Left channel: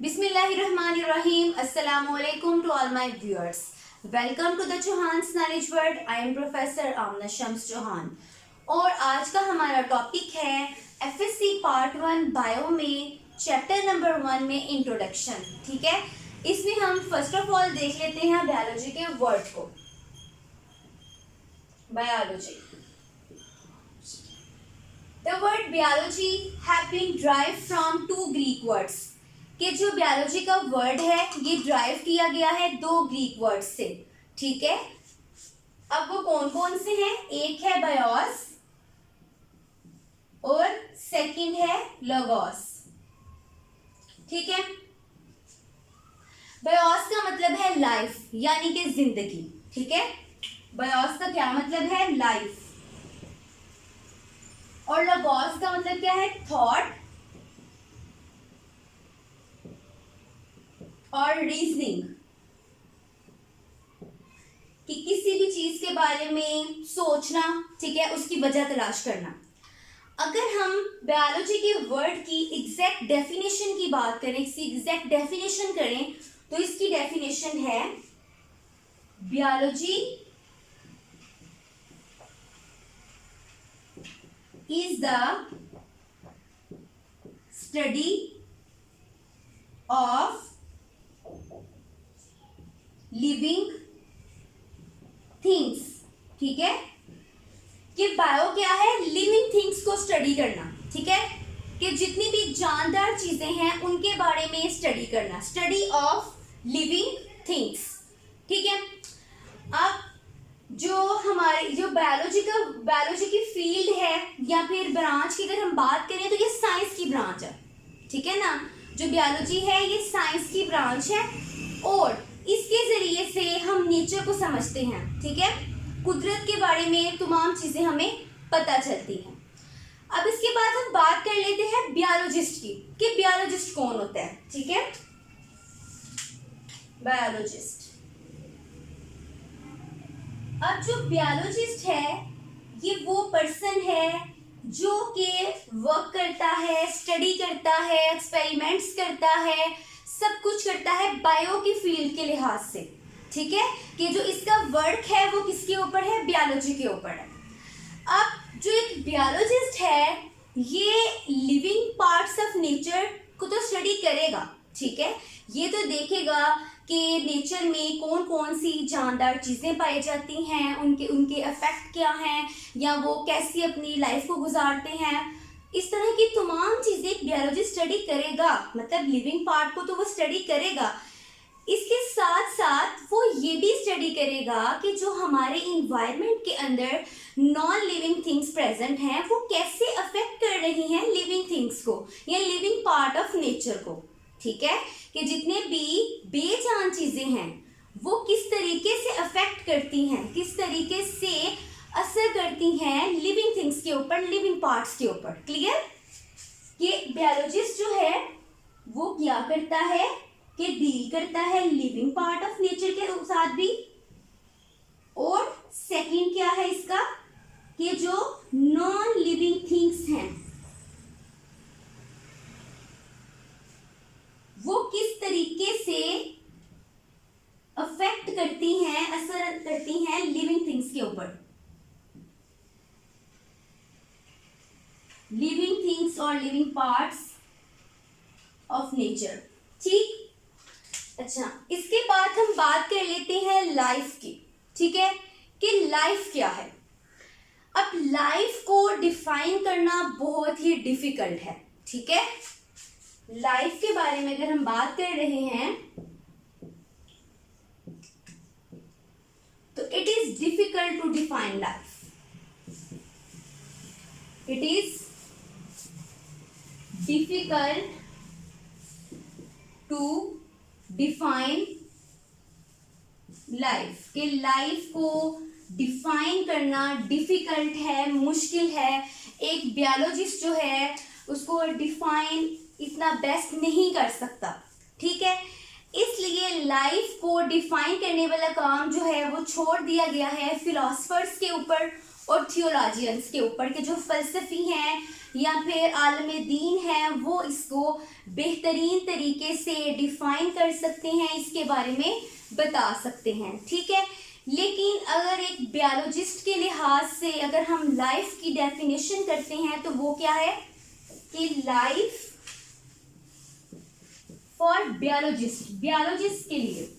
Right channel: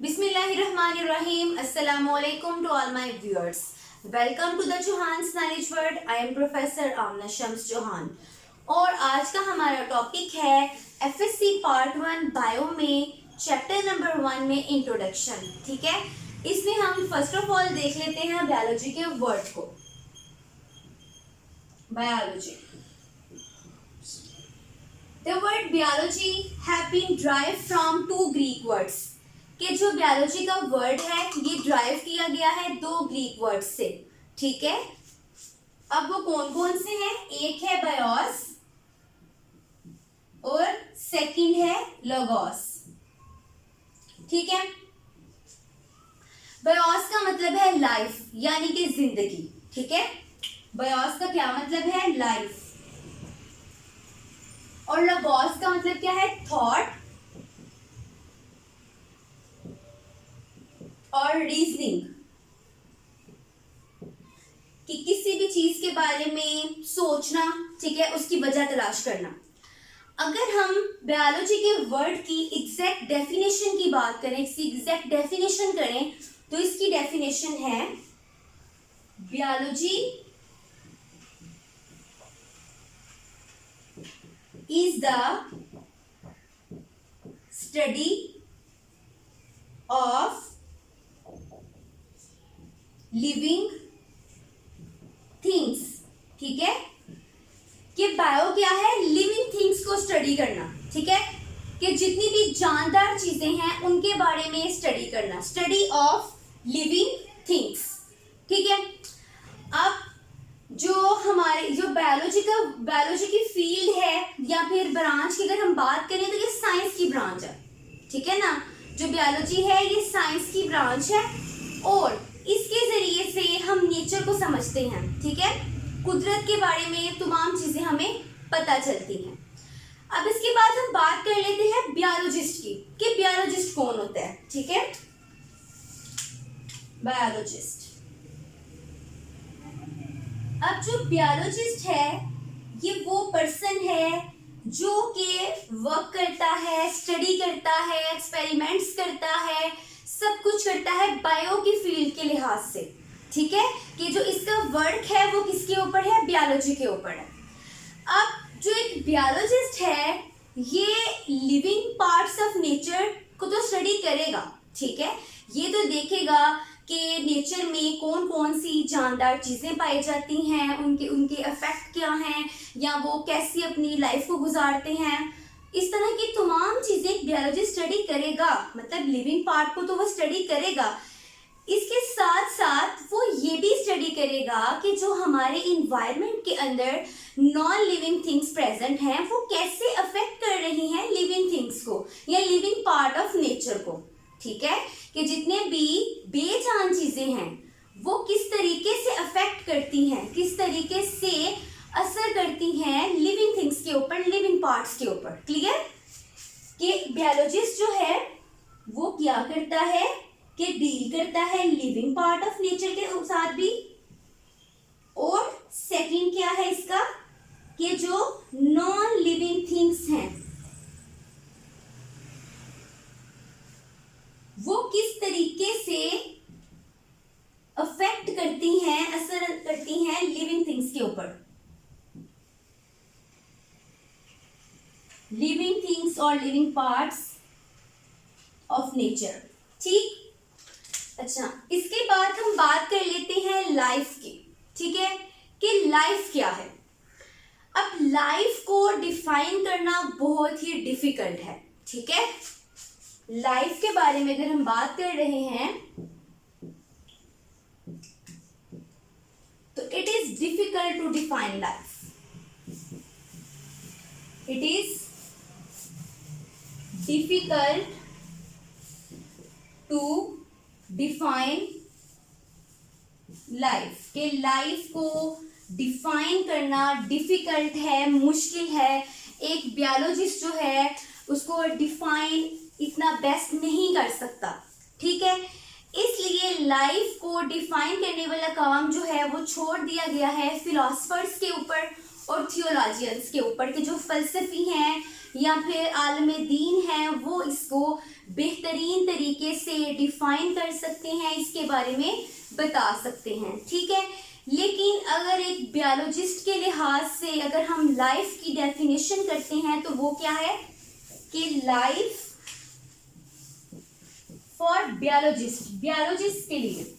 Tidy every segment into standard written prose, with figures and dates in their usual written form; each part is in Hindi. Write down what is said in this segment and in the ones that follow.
Bismillahirrahmanirrahim. Assalamu alaikum to all my viewers. Welcome to the Chauhan's Knowledge World. I am Professor Amna Shams Chauhan. और आज का हमारा टॉपिक है FSC पार्ट 1 बायो में चैप्टर नंबर 1 में इंट्रोडक्शन. ठीक है, इसमें हम फर्स्ट ऑफ ऑल देख लेते हैं बायोलॉजी के वर्ड को. Biology. The word biology have been derived from two Greek words. कि जो बायोलॉजी का वर्ड है ये ड्राइव किया गया है दो ग्रीक वर्ड से. ठीक है, अब वो कौन कौन से हैं? एक है बायोस और सेकंड है लोगोस. ठीक है, बायोस का मतलब है लाइफ यानी कि जिंदगी. ठीक है, बायोस का क्या मतलब है? लाइफ. और लोगोस का मतलब क्या है? थॉट और रीजनिंग. कि किसी भी चीज के बारे में सोचना. ठीक है, उसकी वजह तलाश करना. अगर हम बायोलॉजी के वर्ड की एग्जैक्ट डेफिनेशन की बात करें, इसकी एग्जैक्ट डेफिनेशन करें, तो इसकी डेफिनेशन है biology is the study of living things. ठीक है, कि बायो क्या है? लिविंग थिंग्स को स्टडी करना. ठीक है, कि जितनी भी जानदार चीजें हैं उनके बारे में स्टडी करना. Study of living things. ठीक है, अब जो हमारी जो बायोलॉजी की फील्ड है या फिर ब्रांच की अगर हम बात करें तो ये साइंस की ब्रांच है. ठीक है ना, जो बायोलॉजी है ये साइंस की ब्रांच है और इसके जरिए से हम नेचर को समझते हैं. ठीक है, कुदरत के बारे में तमाम चीजें हमें पता चलती हैं. अब इसके बाद हम बात कर लेते हैं बायोलॉजिस्ट की कि बायोलॉजिस्ट कौन होता है. ठीक है, बायोलॉजिस्ट. अब जो बायोलॉजिस्ट है ये वो पर्सन है जो कि वर्क करता है, स्टडी करता है, एक्सपेरिमेंट्स करता है, सब कुछ करता है बायो की फील्ड के लिहाज से. ठीक है, कि जो इसका वर्क है वो किसके ऊपर है? बायोलॉजी के ऊपर है. अब जो एक बायोलॉजिस्ट है ये लिविंग पार्ट्स ऑफ नेचर को तो स्टडी करेगा. ठीक है, ये तो देखेगा कि नेचर में कौन कौन सी जानदार चीज़ें पाई जाती हैं, उनके इफेक्ट क्या हैं, या वो कैसी अपनी लाइफ को गुजारते हैं. इस तरह की तमाम चीज़ें एक बायोलॉजिस्ट स्टडी करेगा. मतलब लिविंग पार्ट को तो वो स्टडी करेगा. इसके साथ साथ वो ये भी स्टडी करेगा कि जो हमारे इन्वायरमेंट के अंदर नॉन लिविंग थिंग्स प्रेजेंट हैं वो कैसे अफेक्ट कर रही हैं लिविंग थिंग्स को या लिविंग पार्ट ऑफ नेचर को. ठीक है, कि जितने भी बेजान चीज़ें हैं वो किस तरीके से अफेक्ट करती हैं, किस तरीके से असर करती हैं लिविंग थिंग्स के ऊपर, लिविंग पार्ट्स के ऊपर. क्लियर? कि बायोलॉजिस्ट जो है वो क्या करता है कि डील करता है लिविंग पार्ट ऑफ नेचर के साथ भी. और सेकंड क्या है इसका कि जो नॉन लिविंग थिंग्स हैं वो किस तरीके से अफेक्ट करती हैं, असर करती हैं लिविंग थिंग्स के ऊपर. लिविंग थिंग्स और लिविंग पार्ट्स ऑफ नेचर. ठीक, अच्छा, इसके बाद हम बात कर लेते हैं लाइफ की. ठीक है, कि लाइफ क्या है. अब लाइफ को डिफाइन करना बहुत ही डिफिकल्ट है. ठीक है, लाइफ के बारे में अगर हम बात कर रहे हैं तो it is difficult to define life. It is difficult to define life. के लाइफ को डिफाइन करना डिफिकल्ट है, मुश्किल है. एक बायोलॉजिस्ट जो है उसको डिफाइन इतना बेस्ट नहीं कर सकता. ठीक है, इसलिए लाइफ को डिफाइन करने वाला काम जो है वो छोड़ दिया गया है फिलोसफर्स के ऊपर और थियोलॉजियंस के ऊपर, के जो फलसफी हैं या फिर आलम दीन है वो इसको बेहतरीन तरीके से डिफाइन कर सकते हैं, इसके बारे में बता सकते हैं, ठीक है। लेकिन अगर एक बायोलॉजिस्ट के लिहाज से अगर हम लाइफ की डेफिनेशन करते हैं तो वो क्या है कि लाइफ फॉर बायोलॉजिस्ट के लिए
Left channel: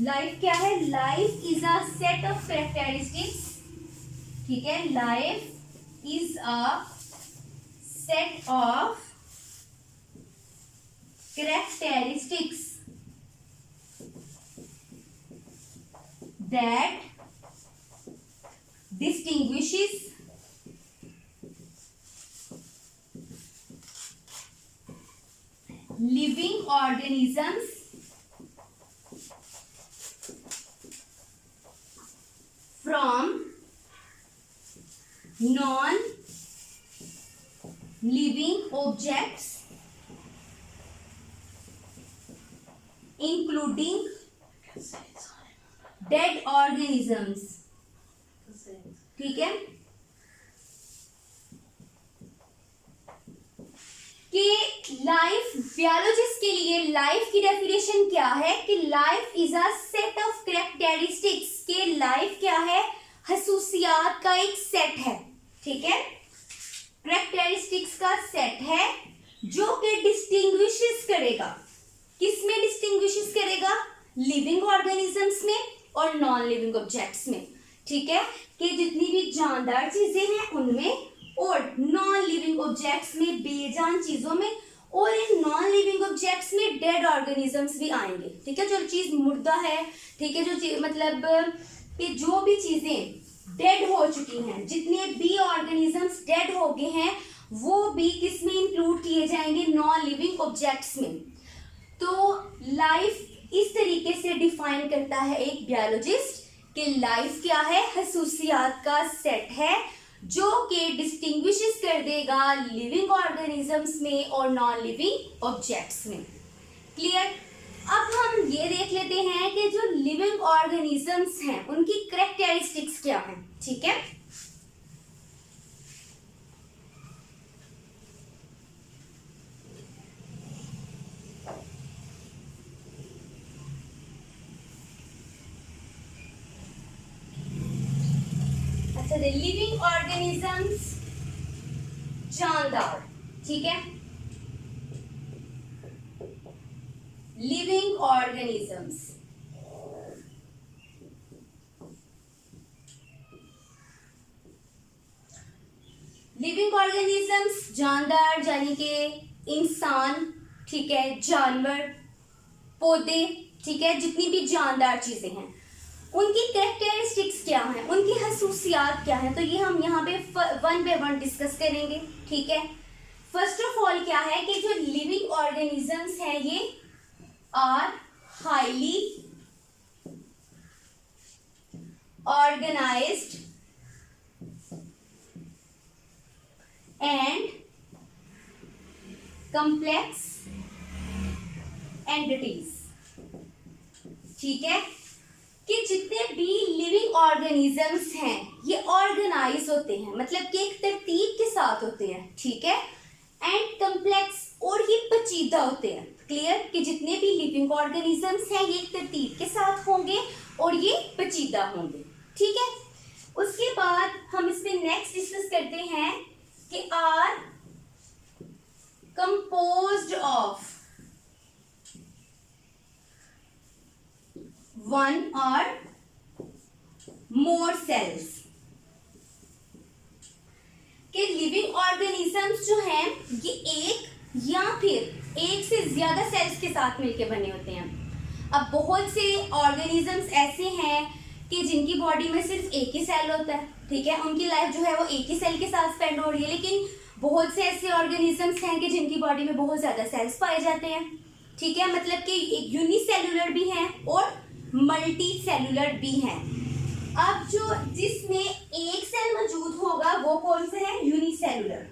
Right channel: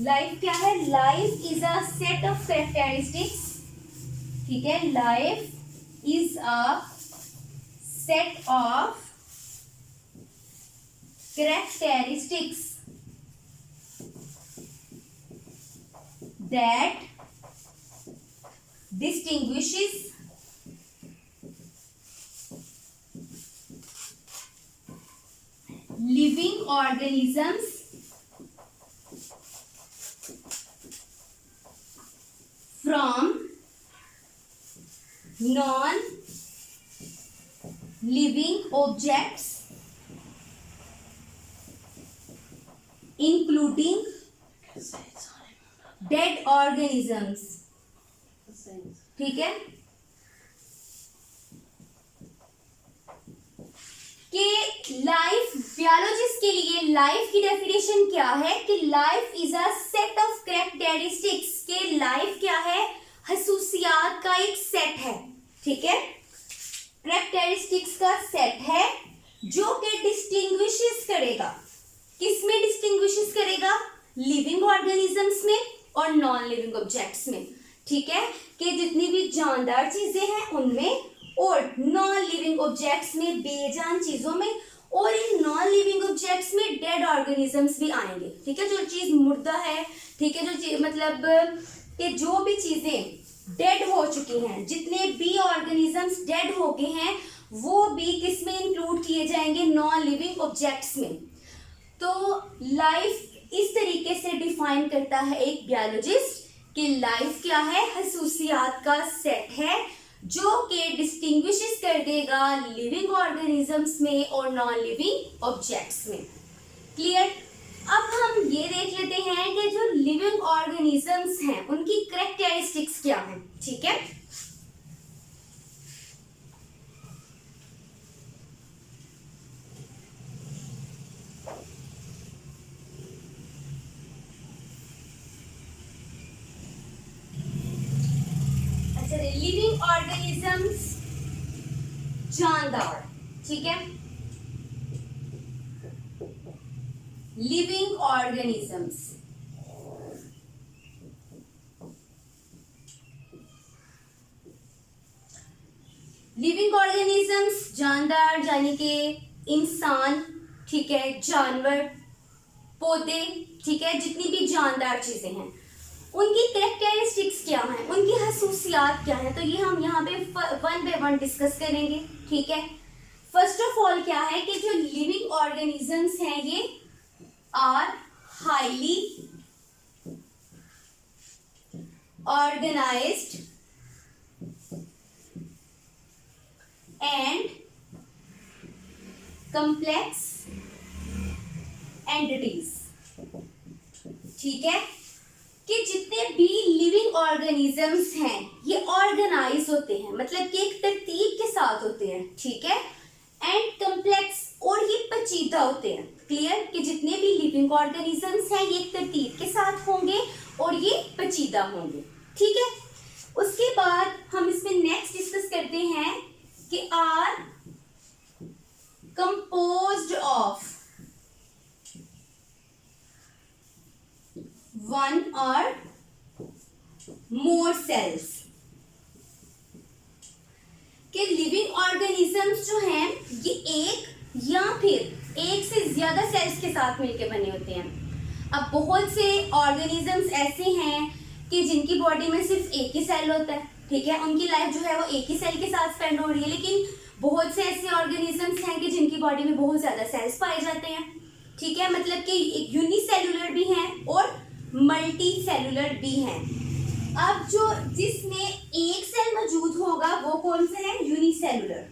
लाइफ क्या है, life is a set of characteristics, ठीक है, life is a set of characteristics that distinguishes living organisms from non-living objects, including dead organisms, ठीक है, कि लाइफ बायोलॉजिस्ट के लिए लाइफ की डेफिनेशन क्या है कि life is a set of characteristics, के लाइफ क्या है, खसूसियात का एक सेट है, ठीक है, कैरेक्टरिस्टिक्स का सेट है जो कि डिस्टिंग्विशेस करेगा, किसमें डिस्टिंग्विशेस करेगा, लिविंग ऑर्गेनिजम्स में और नॉन लिविंग ऑब्जेक्ट्स में, ठीक है, कि जितनी भी जानदार चीजें हैं उनमें और नॉन लिविंग ऑब्जेक्ट्स में, बेजान चीजों में, और इन नॉन लिविंग ऑब्जेक्ट्स में डेड ऑर्गेनिजम्स भी आएंगे, ठीक है, जो चीज मुर्दा है, ठीक है, जो मतलब कि जो भी चीजें डेड हो चुकी हैं, जितने भी ऑर्गेनिजम्स डेड हो गए हैं वो भी किस में इंक्लूड किए जाएंगे, नॉन लिविंग ऑब्जेक्ट्स में। तो लाइफ इस तरीके से डिफाइन करता है एक बायोलॉजिस्ट कि लाइफ क्या है, खसूसियात का सेट है जो कि डिस्टिंग्विशेस कर देगा लिविंग ऑर्गेनिजम्स में और नॉन लिविंग ऑब्जेक्ट्स में। क्लियर। अब हम ये देख लेते हैं कि जो लिविंग ऑर्गेनिजम्स हैं उनकी कैरेक्टरिस्टिक्स क्या हैं, ठीक है। लिविंग ऑर्गेनिजम्स जानदार, ठीक है, लिविंग ऑर्गेनिजम्स जानदार यानी कि इंसान, ठीक है, जानवर, पौधे, ठीक है, जितनी भी जानदार चीजें हैं उनकी कैरेक्टरिस्टिक्स क्या हैं, उनकी खसूसियात क्या हैं, तो ये हम यहाँ पे वन बाय वन डिस्कस करेंगे, ठीक है। फर्स्ट ऑफ ऑल क्या है कि जो लिविंग ऑर्गेनिजम्स हैं ये are highly organised and complex entities, ठीक है, कि जितने भी लिविंग ऑर्गेनिजम्स हैं ये ऑर्गेनाइज होते हैं, मतलब कि एक तरतीब के साथ होते हैं, ठीक है, एंड कॉम्प्लेक्स, और ये पेचीदा होते हैं। क्लियर, कि जितने भी लिविंग ऑर्गेनिजम्स हैं ये एक तरतीब के साथ होंगे और ये पेचीदा होंगे, ठीक है। उसके बाद हम इसमें नेक्स्ट डिस्कस करते हैं कि आर कंपोज्ड ऑफ वन और मोर सेल्स, के लिविंग ऑर्गेनिजम्स जो हैं ये एक या फिर एक से ज्यादा सेल्स के साथ मिलकर बने होते हैं। अब बहुत से ऑर्गेनिजम्स ऐसे हैं कि जिनकी बॉडी में सिर्फ एक ही सेल होता है, ठीक है, उनकी लाइफ जो है वो एक ही सेल के साथ स्पेंड हो रही है, लेकिन बहुत से ऐसे ऑर्गेनिजम्स हैं कि जिनकी बॉडी में बहुत ज्यादा सेल्स पाए जाते हैं, ठीक है, मतलब कि यूनिसेल्युलर भी हैं और मल्टी सेलुलर भी हैं। अब जो जिसमें एक सेल मौजूद होगा वो कौन सा है, यूनिसेलुलर।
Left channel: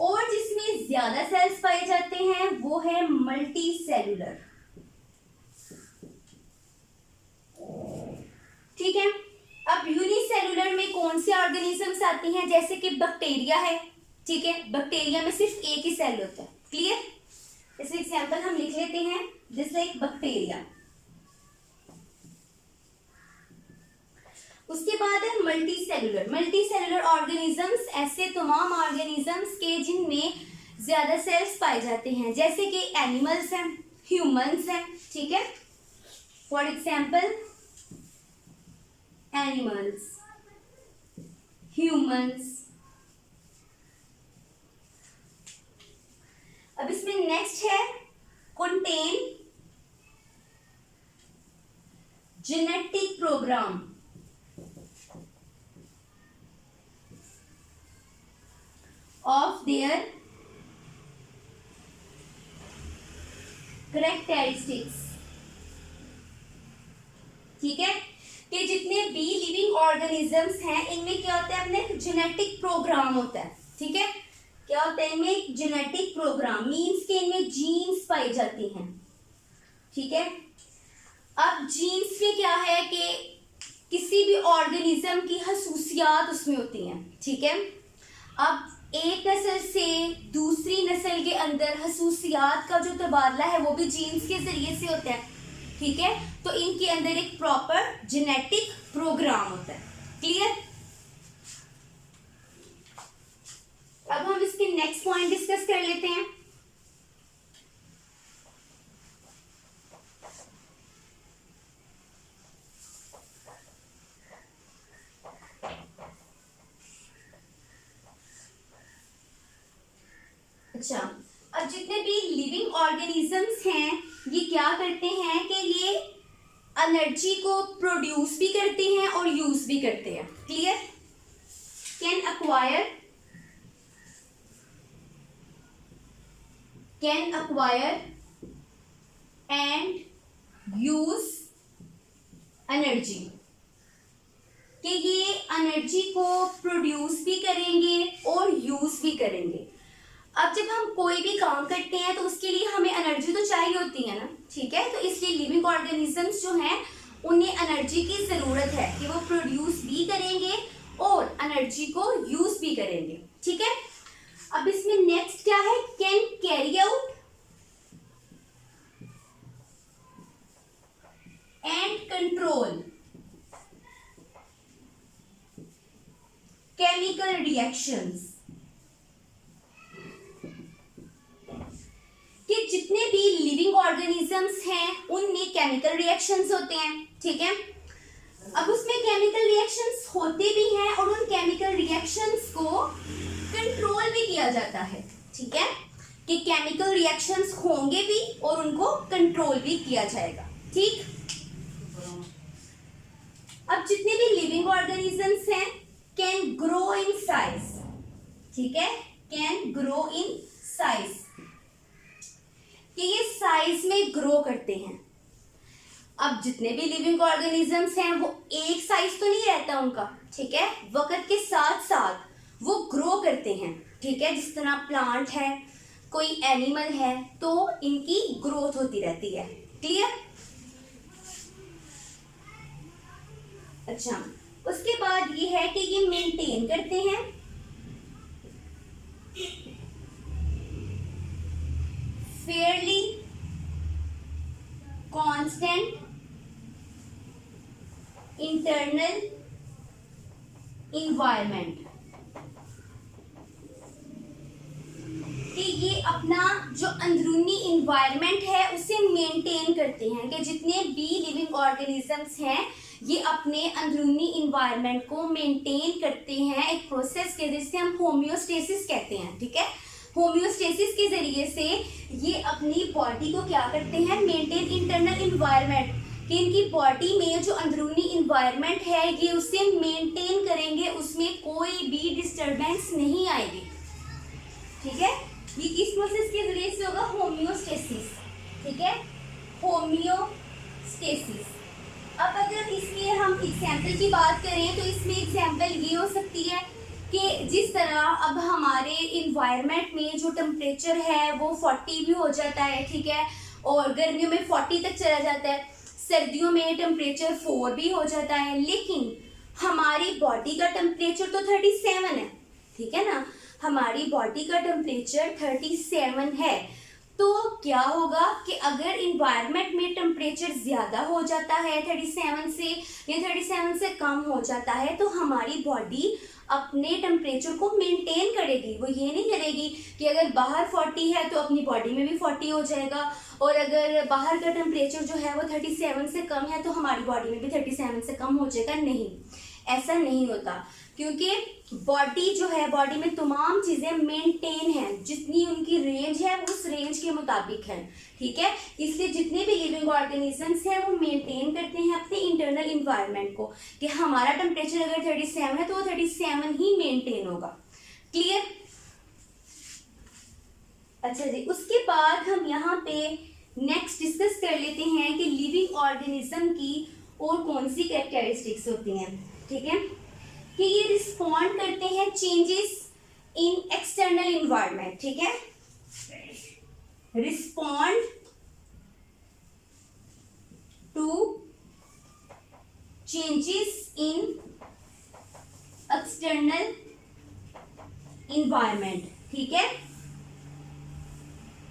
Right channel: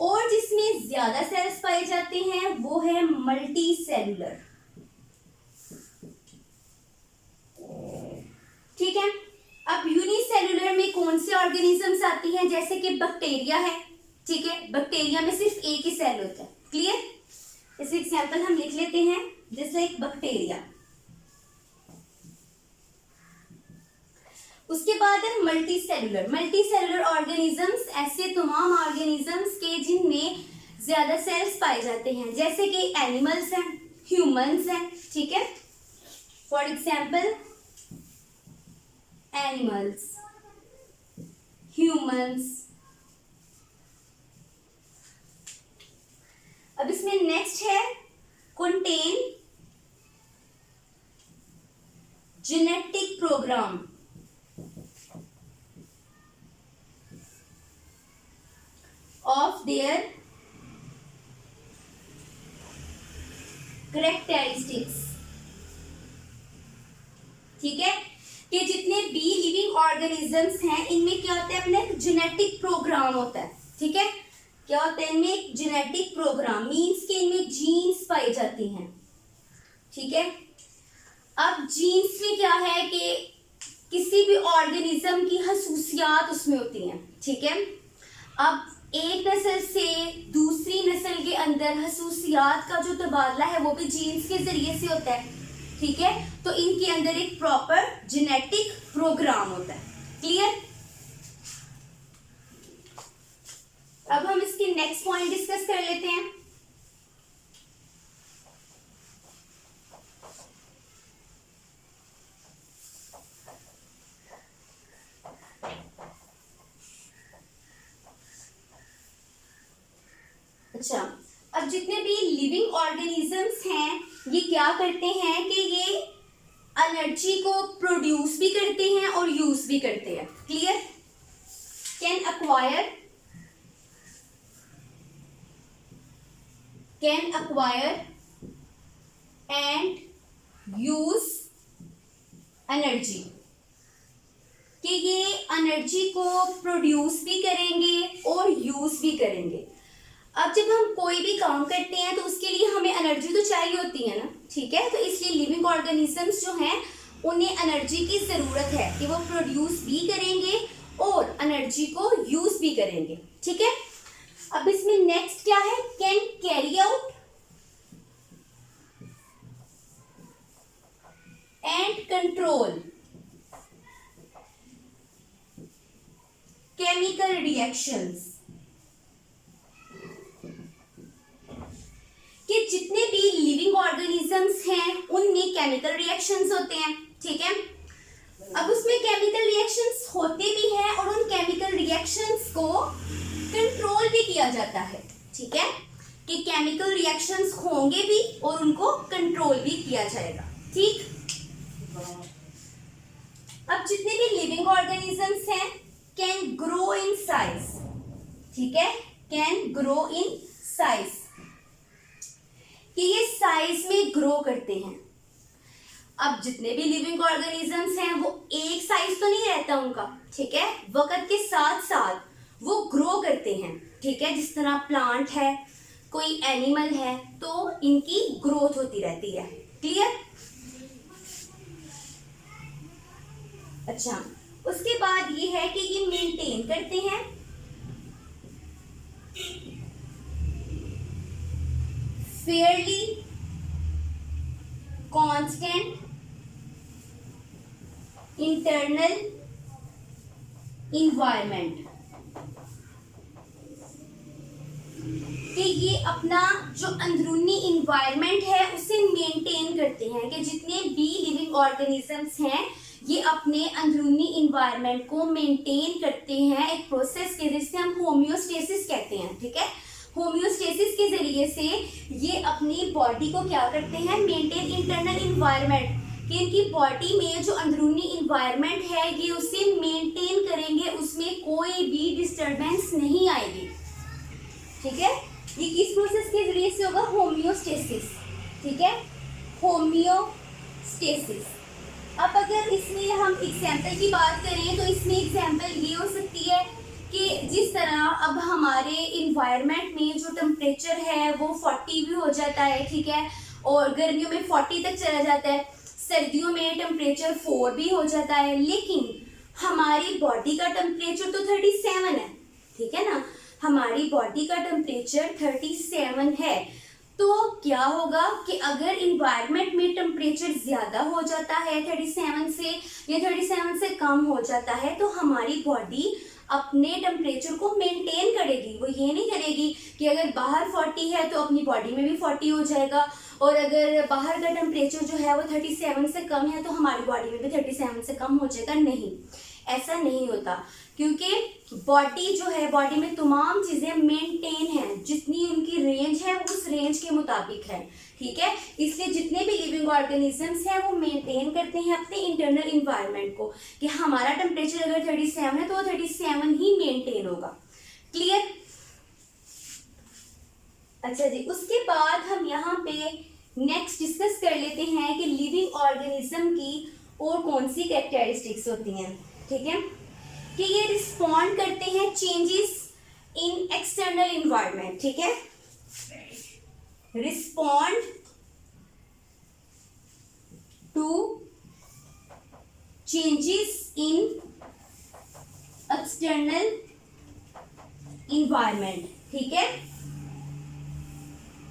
और जिसमें ज्यादा सेल्स पाए जाते हैं वो है मल्टी सेलुलर। ठीक है, अब यूनिसेलुलर में कौन सी ऑर्गेनिजम्स आती हैं, जैसे कि बैक्टीरिया है। ठीक है, बैक्टीरिया में सिर्फ एक ही सेल होता है। क्लियर, इसलिए एग्जांपल हम लिख लेते हैं, जैसे एक बैक्टीरिया। उसके बाद है multi cellular. Multi cellular organisms ऐसे तमाम ऑर्गेनिजम्स के जिनमें ज्यादा सेल्स पाए जाते हैं, जैसे कि एनिमल्स हैं, ह्यूमंस हैं। ठीक है, फॉर एग्जाम्पल एनिमल्स, ह्यूमंस। अब इसमें नेक्स्ट है contain genetic programme of their characteristics. ठीक है, कि जितने भी लिविंग ऑर्गेनिजम्स हैं इनमें क्या होता है, अपने जेनेटिक प्रोग्राम होता है। ठीक है, क्या होता है इनमें एक जेनेटिक प्रोग्राम, मींस के इनमें जीन्स पाई जाती हैं। ठीक है, अब जीन्स में क्या है कि किसी भी ऑर्गेनिज्म की खसूसियात उसमें होती हैं। ठीक है, अब एक नस्ल से दूसरी नस्ल के अंदर खसूसियात का जो तबादला है वो भी जीन्स के जरिए से होता है। ठीक है, तो इनके अंदर एक प्रॉपर जेनेटिक प्रोग्राम होता है। क्लियर, अब हम इसके नेक्स्ट पॉइंट डिस्कस कर लेते हैं। अच्छा, अब जितने भी लिविंग ऑर्गेनिजम्स हैं ये क्या करते हैं कि ये एनर्जी को प्रोड्यूस भी करते हैं और यूज भी करते हैं। Clear, can acquire and use energy, कि ये एनर्जी को प्रोड्यूस भी करेंगे और यूज भी करेंगे। अब जब हम कोई भी काम करते हैं तो उसके लिए हमें एनर्जी तो चाहिए होती है ना। ठीक है, तो इसलिए लिविंग ऑर्गेनिजम्स जो हैं उन्हें एनर्जी की ज़रूरत है कि वो प्रोड्यूस भी करेंगे और एनर्जी को यूज भी करेंगे। ठीक है, अब इसमें नेक्स्ट क्या है, can carry out and control chemical reactions, कि जितने भी लिविंग ऑर्गेनिजम्स हैं उनमें केमिकल रिएक्शंस होते हैं। ठीक है, अब उसमें केमिकल रिएक्शंस होते भी हैं और उन केमिकल रिएक्शंस को कंट्रोल भी किया जाता है। ठीक है, कि केमिकल रिएक्शंस होंगे भी और उनको कंट्रोल भी किया जाएगा। ठीक, अब जितने भी लिविंग ऑर्गेनिजम्स हैं कैन ग्रो इन साइज। ठीक है, कैन ग्रो इन साइज, कि ये साइज में ग्रो करते हैं। अब जितने भी लिविंग ऑर्गेनिजम्स हैं वो एक साइज तो नहीं रहता उनका। ठीक है, वक्त के साथ साथ वो ग्रो करते हैं। ठीक है, जिस तरह प्लांट है, कोई एनिमल है, तो इनकी ग्रोथ होती रहती है। क्लियर, अच्छा, उसके बाद ये है कि ये मेंटेन करते हैं फेयरली कांस्टेंट इंटरनल इन्वायरमेंट, कि ये अपना जो अंदरूनी इन्वायरमेंट है उसे मेंटेन करते हैं, कि जितने भी लिविंग ऑर्गेनिजम्स हैं ये अपने अंदरूनी इन्वायरमेंट को मेंटेन करते हैं एक प्रोसेस के जिसे हम होम्योस्टेसिस कहते हैं। ठीक है, होम्योस्टेसिस के जरिए से ये अपनी बॉडी को क्या करते हैं, मेंटेन इंटरनल इन्वायरमेंट, कि इनकी बॉडी में जो अंदरूनी इन्वायरमेंट है ये उसे मेंटेन करेंगे, उसमें कोई भी डिस्टरबेंस नहीं आएगी। ठीक है, ये किस प्रोसेस के जरिए से होगा, होम्योस्टेसिस। ठीक है, होम्योस्टेसिस। अब अगर इसमें हम एग्जाम्पल की बात करें तो इसमें एग्जाम्पल ये हो सकती है कि जिस तरह अब हमारे इन्वायरमेंट में जो टेम्परेचर है वो 40 भी हो जाता है, ठीक है, और गर्मियों में 40 तक चला जाता है, सर्दियों में टेम्परेचर 4 भी हो जाता है, लेकिन हमारी बॉडी का टेम्परेचर तो 37 है, ठीक है ना, हमारी बॉडी का टेम्परेचर 37 है। तो क्या होगा कि अगर इन्वायरमेंट में टेम्परेचर ज़्यादा हो जाता है 37 से या 37 से कम हो जाता है, तो हमारी बॉडी अपने टेम्परेचर को मेंटेन करेगी। वो ये नहीं करेगी कि अगर बाहर 40 है तो अपनी बॉडी में भी 40 हो जाएगा, और अगर बाहर का टेम्परेचर जो है वो 37 से कम है तो हमारी बॉडी में भी 37 से कम हो जाएगा। नहीं, ऐसा नहीं होता, क्योंकि बॉडी जो है, बॉडी में तमाम चीज़ें मेंटेन हैं, जितनी उनकी रेंज है उस रेंज के मुताबिक है, ठीक है। इसलिए जितने भी लिविंग ऑर्गेनिजम्स हैं वो मेंटेन करते हैं अपने इंटरनल इन्वायरमेंट को, कि हमारा टेम्परेचर अगर 37 है तो वो 37 ही मेंटेन होगा। क्लियर? अच्छा जी, उसके बाद हम यहाँ पे नेक्स्ट डिस्कस कर लेते हैं कि लिविंग ऑर्गेनिज्म की और कौन सी कैरेक्टरिस्टिक्स होती हैं, ठीक है, कि ये रिस्पॉन्ड करते हैं चेंजेस इन एक्सटर्नल इन्वायरमेंट, ठीक है, respond to changes in external environment, ठीक है,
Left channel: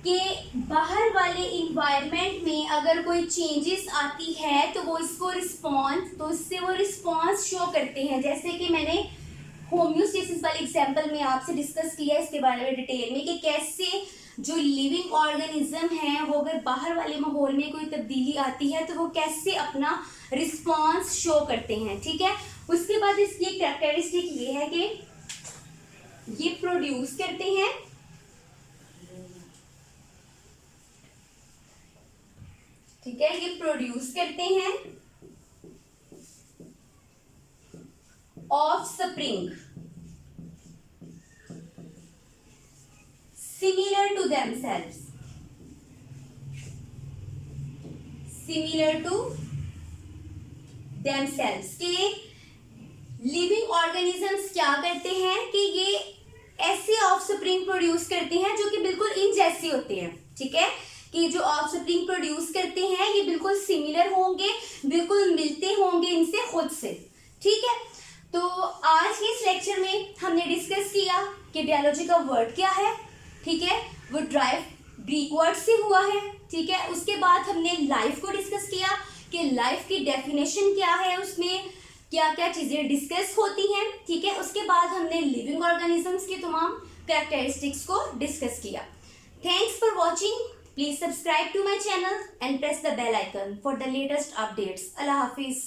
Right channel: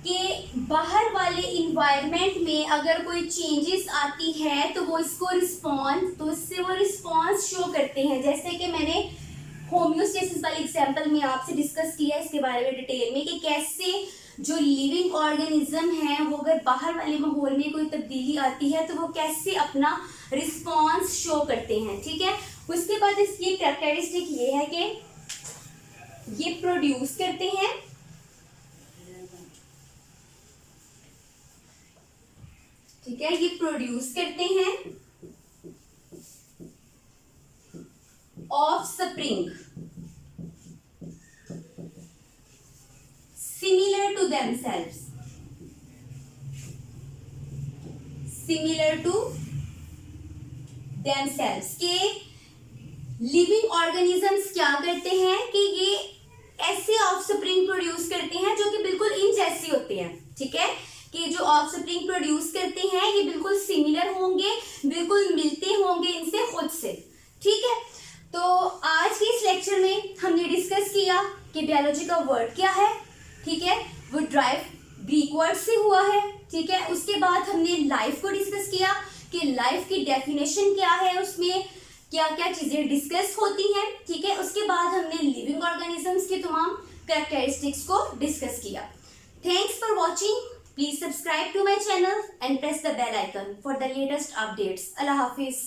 कि बाहर वाले इन्वायरमेंट में अगर कोई चेंजेस आती है तो वो इसको इससे वो रिस्पॉन्स शो करते हैं। जैसे कि मैंने होम्योस्टेसिस वाले एग्जांपल में आपसे डिस्कस किया इसके बारे में डिटेल में, कि कैसे जो लिविंग ऑर्गेनिज्म है वो अगर बाहर वाले माहौल में कोई तब्दीली आती है तो वो कैसे अपना रिस्पॉन्स शो करते हैं, ठीक है। उसके बाद इसकी एक कैरेक्टरिस्टिक ये है कि ये प्रोड्यूस करते हैं ठीक है, ये प्रोड्यूस करते हैं offspring similar to themselves, के लिविंग ऑर्गेनिजम्स क्या करते हैं कि ये ऐसे ऑफस्प्रिंग प्रोड्यूस करते हैं जो कि बिल्कुल इन जैसी होते हैं, ठीक है, कि जो ऑफस्प्रिंग प्रोड्यूस करते हैं ये बिल्कुल सिमिलर होंगे, बिल्कुल मिलते होंगे इनसे खुद से, ठीक है। तो आज के इस लेक्चर में हमने डिस्कस किया कि बायोलॉजी का वर्ड क्या है, ठीक है, वो ड्राइव ग्रीक वर्ड से हुआ है, ठीक है। उसके बाद हमने लाइफ को डिस्कस किया कि लाइफ की डेफिनेशन क्या है, उसमें क्या क्या चीज़ें डिस्कस होती हैं, ठीक है। उसके बाद हमने लिविंग ऑर्गेनिजम्स की तमाम कैरेक्टरिस्टिक्स को डिस्कस किया। Thanks for watching. Please subscribe to my channel and press the bell icon for the latest updates. Allah Hafiz.